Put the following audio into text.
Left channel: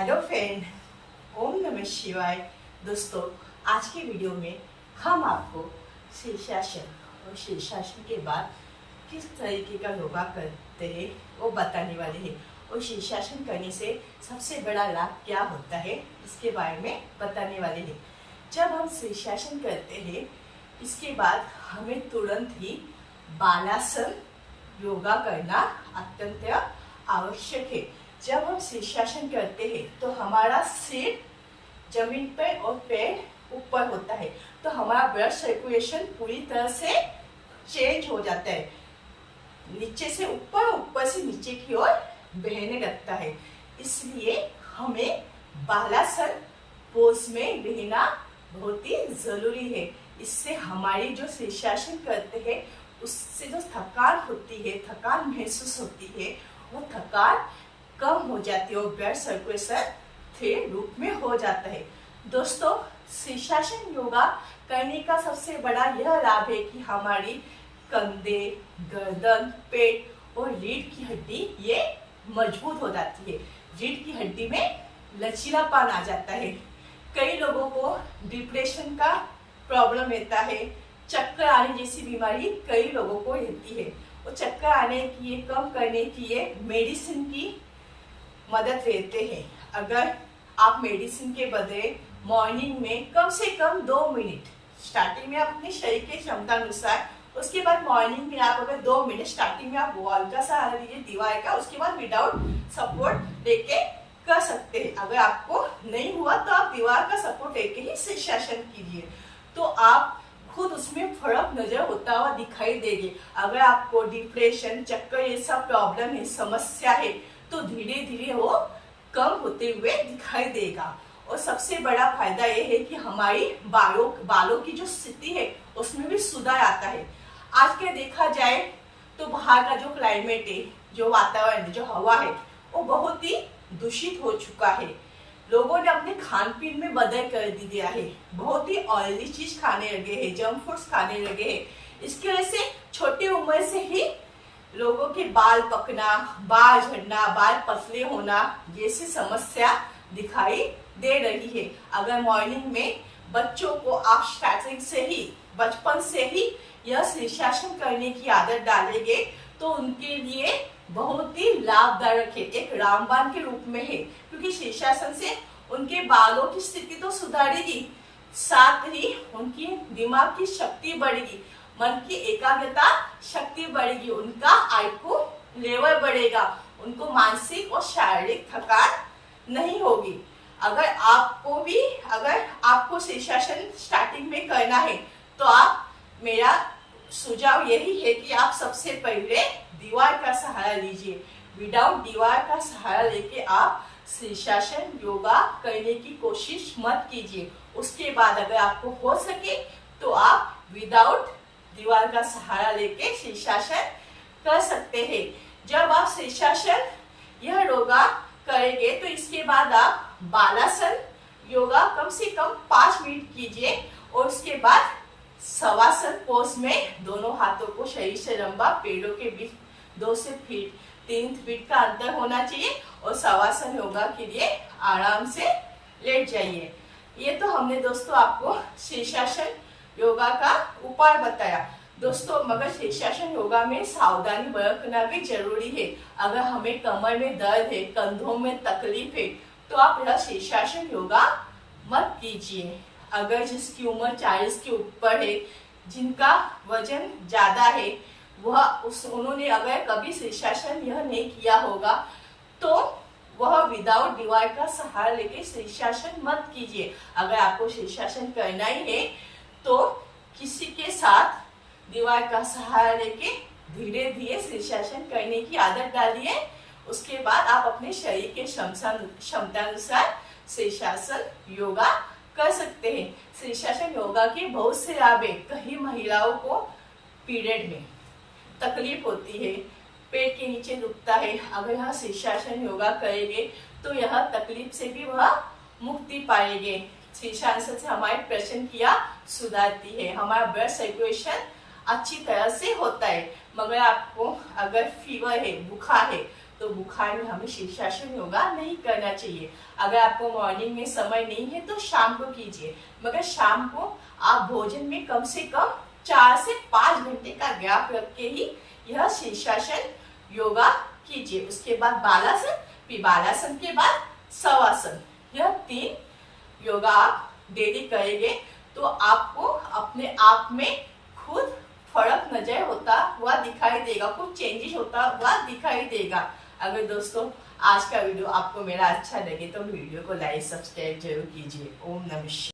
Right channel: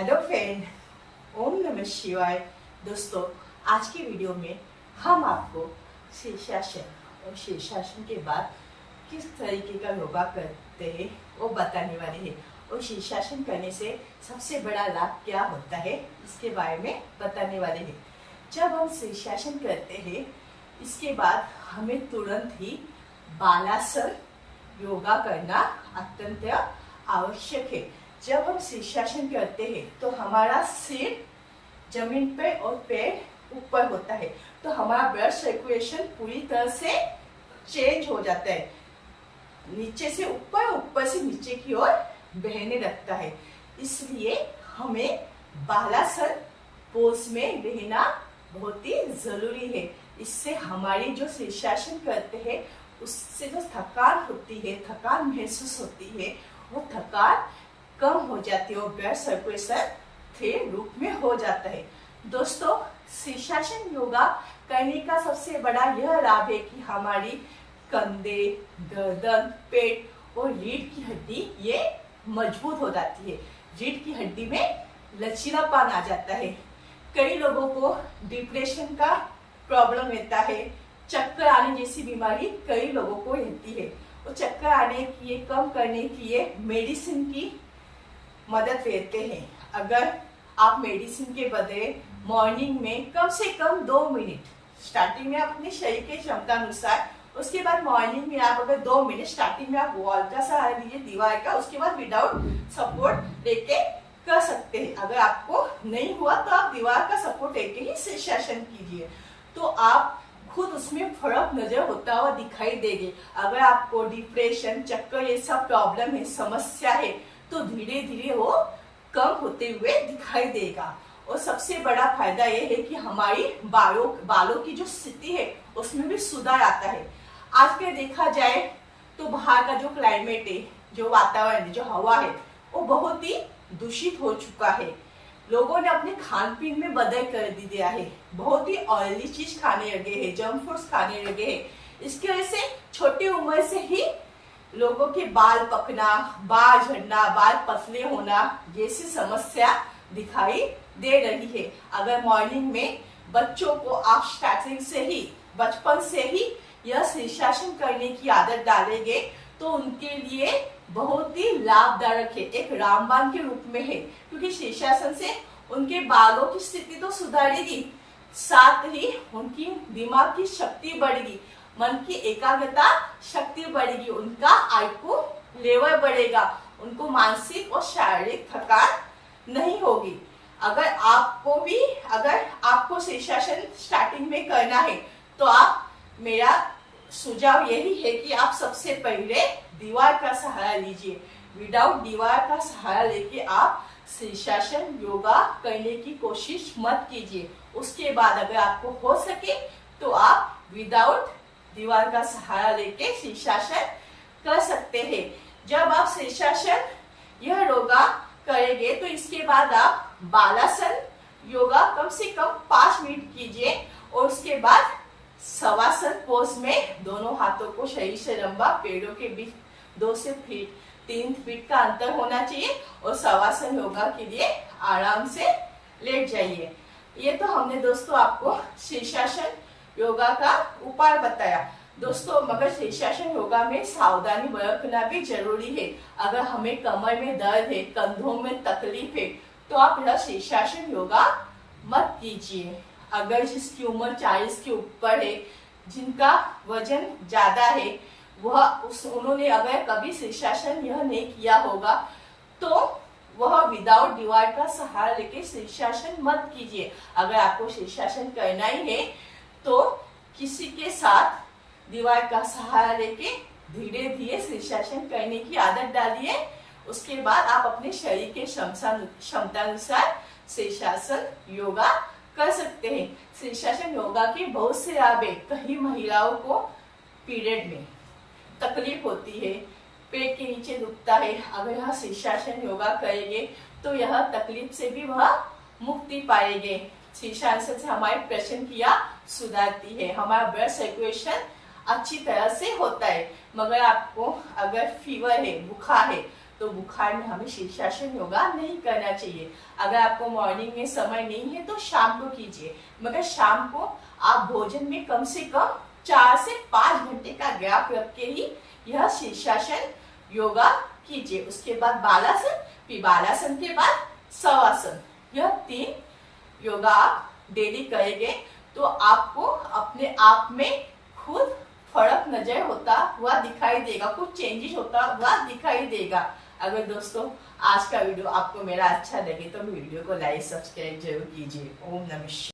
Hello friend, ओम नमः शिवाय। दोस्तों, आज की वीडियो में हम आपको शीर्षासन और शीर्षासन के बाद किस तरीके का योगा करते हैं वो बताने वाले हैं और शीर्षासन करने से सबसे बड़ा लाभ क्या होता है इसके बारे में बताने वाले हैं। जब हम शीर्षासन करते हैं इसके बाद हमें तुरंत ही बालासन योगा करना अत्यंत आवश्यक है। जब हम शीर्षासन करते हैं तो हमारा सिर जमीन पर और पैर ऊपर होता है, तो हमारा ब्लड सर्कुलेशन पूरी तरह से चेंज हो जाता है। नीचे से ऊपर, ऊपर से नीचे की ओर बहने लगता है। इसलिए हमें बालासन पोज में रहना बहुत ही जरूरी है। इससे हमारी जो शीर्षासन करते हैं उससे जो थकान होती है, थकान महसूस होती है, वो थकान कम हो जाती है और ब्लड सर्कुलेशन स्थिर रूप में हो जाता है। दोस्तों, शीर्षासन योगा करने का सबसे बड़ा यह लाभ है कि हमारी कंधे, गर्दन, पेट और रीढ़ की हड्डी ये मजबूत हो जाती है। रीढ़ की हड्डी में लचीलापन आ जाता है। कई लोगों को डिप्रेशन का प्रॉब्लम रहता है, चक्कर आने जैसी बीमारी कई लोगों को रहती है। और चक्कर आने की कम करने की ये मेडिसिन की मदद लेते हैं। अगर आप मेडिसिन के बदले मॉर्निंग में कम से कम 2 मिनट स्टार्टिंग में आप अपने शरीर के क्षमता अनुसार, उसके बाद मॉर्निंग में आप अगर 2 मिनट स्टार्टिंग में आप वॉल का सहारा लीजिए, दीवार का, उसके बाद विदाउट सपोर्ट लेके कर सकते हैं। अगर आपको नहीं हुआ तो आप दीवार का सपोर्ट लेके ही शीर्षासन कीजिए, तो आप खुद उसमें फर्क नजर होता हुआ दिखाई देगी। अगर आपको डिप्रेशन, चक्कर ये सब प्रॉब्लम है, समस्या है, तो धीरे धीरे वो कम होते हुए दिखाई देगा। और सबसे बड़ा फायदा ये है कि हमारी बालों की जो स्थिति है उसमें भी सुधार आता है। आज के देखा जाए तो बाहर का जो क्लाइमेट है, जो वातावरण है, जो हवा है, वो बहुत ही दूषित हो चुका है। लोगों ने अपने खान पीन में बदल कर दिया है, बहुत ही ऑयली चीज खाने लगे हैं, जंक फूड्स खाने लगे हैं। इसकी वजह से छोटी उम्र से ही लोगों के बाल पकना, बाल झड़ना, बाल पतले होना जैसी समस्या दिखाई दे रही है। अगर मॉर्निंग में बच्चों को आप स्टार्टिंग से ही, बचपन से ही यह शीर्षासन करने की आदत डालेंगे तो उनके लिए बहुत ही लाभदायक है, एक रामबाण के रूप में है। क्योंकि शीर्षासन से उनके बालों की स्थिति तो सुधारेगी, साथ ही उनकी दिमाग की शक्ति बढ़ेगी, मन की एकाग्रता शक्ति बढ़ेगी, उनका आईक्यू लेवल बढ़ेगा, उनको मानसिक और शारीरिक थकान नहीं होगी। अगर आपको शीर्षासन स्टार्टिंग में करना है तो मेरा सुझाव यही है कि आप सबसे पहले दीवार का सहारा लीजिए। विदाउट दीवार का सहारा लेके आप शीर्षासन योगा करने की कोशिश मत कीजिए। उसके बाद अगर आपको हो सके तो आप विदाउट दीवार का सहारा लेके शीर्षासन कर सकते हैं। जब आप शीर्षासन यह योगा करेंगे तो इसके बाद आप बालासन योगा कम से कम 5 मिनट कीजिए और उसके बाद शवासन पोज में दोनों हाथों को शरीर से लंबा, पेड़ों के बीच 2 से 3 फीट का अंतर होना चाहिए और शवासन योगा के लिए आराम से लेट जाइए। ये तो हमने दोस्तों आपको शीर्षासन योगा का उपाय बताया। दोस्तों, मगर शीर्षासन योगा में सावधानी बरतना भी जरूरी है। अगर हमें कमर में दर्द है, कंधों में तकलीफ है, तो आप यह शीर्षासन योगा मत कीजिए। अगर जिसकी उम्र 40 के ऊपर है, जिनका वजन ज्यादा है, उन्होंने अगर कभी शीर्षासन यह नहीं किया होगा तो वह विदाउट दीवार का सहारा लेके शीर्षासन मत कीजिए। अगर आपको शीर्षासन करना ही है तो किसी के साथ दीवार का सहारा लेके धीरे धीरे शीर्षासन करने की आदत डालिए। उसके बाद आप अपने शरीर के क्षमता अनुसार शीर्षासन योगा कर सकते हैं। शीर्षासन योगा के बहुत से लाभ है। कई महिलाओं को पीरियड में तकलीफ होती है, पेट के नीचे दुखता है, अगर यह शीर्षासन योगा करेंगे तो यह तकलीफ से भी वह मुक्ति पाएंगे। शीर्षासन से हमारी प्रश्न क्रिया सुधारती है, हमारा ब्लड सर्कुलेशन अच्छी तरह से होता है। मगर आपको अगर फीवर है, बुखार है, तो बुखार में हमें शीर्षासन योगा नहीं करना चाहिए। अगर आपको मॉर्निंग में समय नहीं है तो शाम को कीजिए, मगर शाम को आप भोजन में कम से कम 4 से 5 घंटे का गैप रख के ही यह शीर्षासन योगा कीजिए। उसके बाद बालासन, फिर बालासन के बाद शवासन। यह 3 योगा आप डेली करेंगे तो आपको अपने आप में खुद फर्क नजर होता हुआ दिखाई देगा, कुछ चेंजेस होता हुआ दिखाई देगा। अगर दोस्तों आज का वीडियो आपको मेरा अच्छा लगे तो वीडियो को लाइक सब्सक्राइब जरूर कीजिए। ओम नमः शिवाय।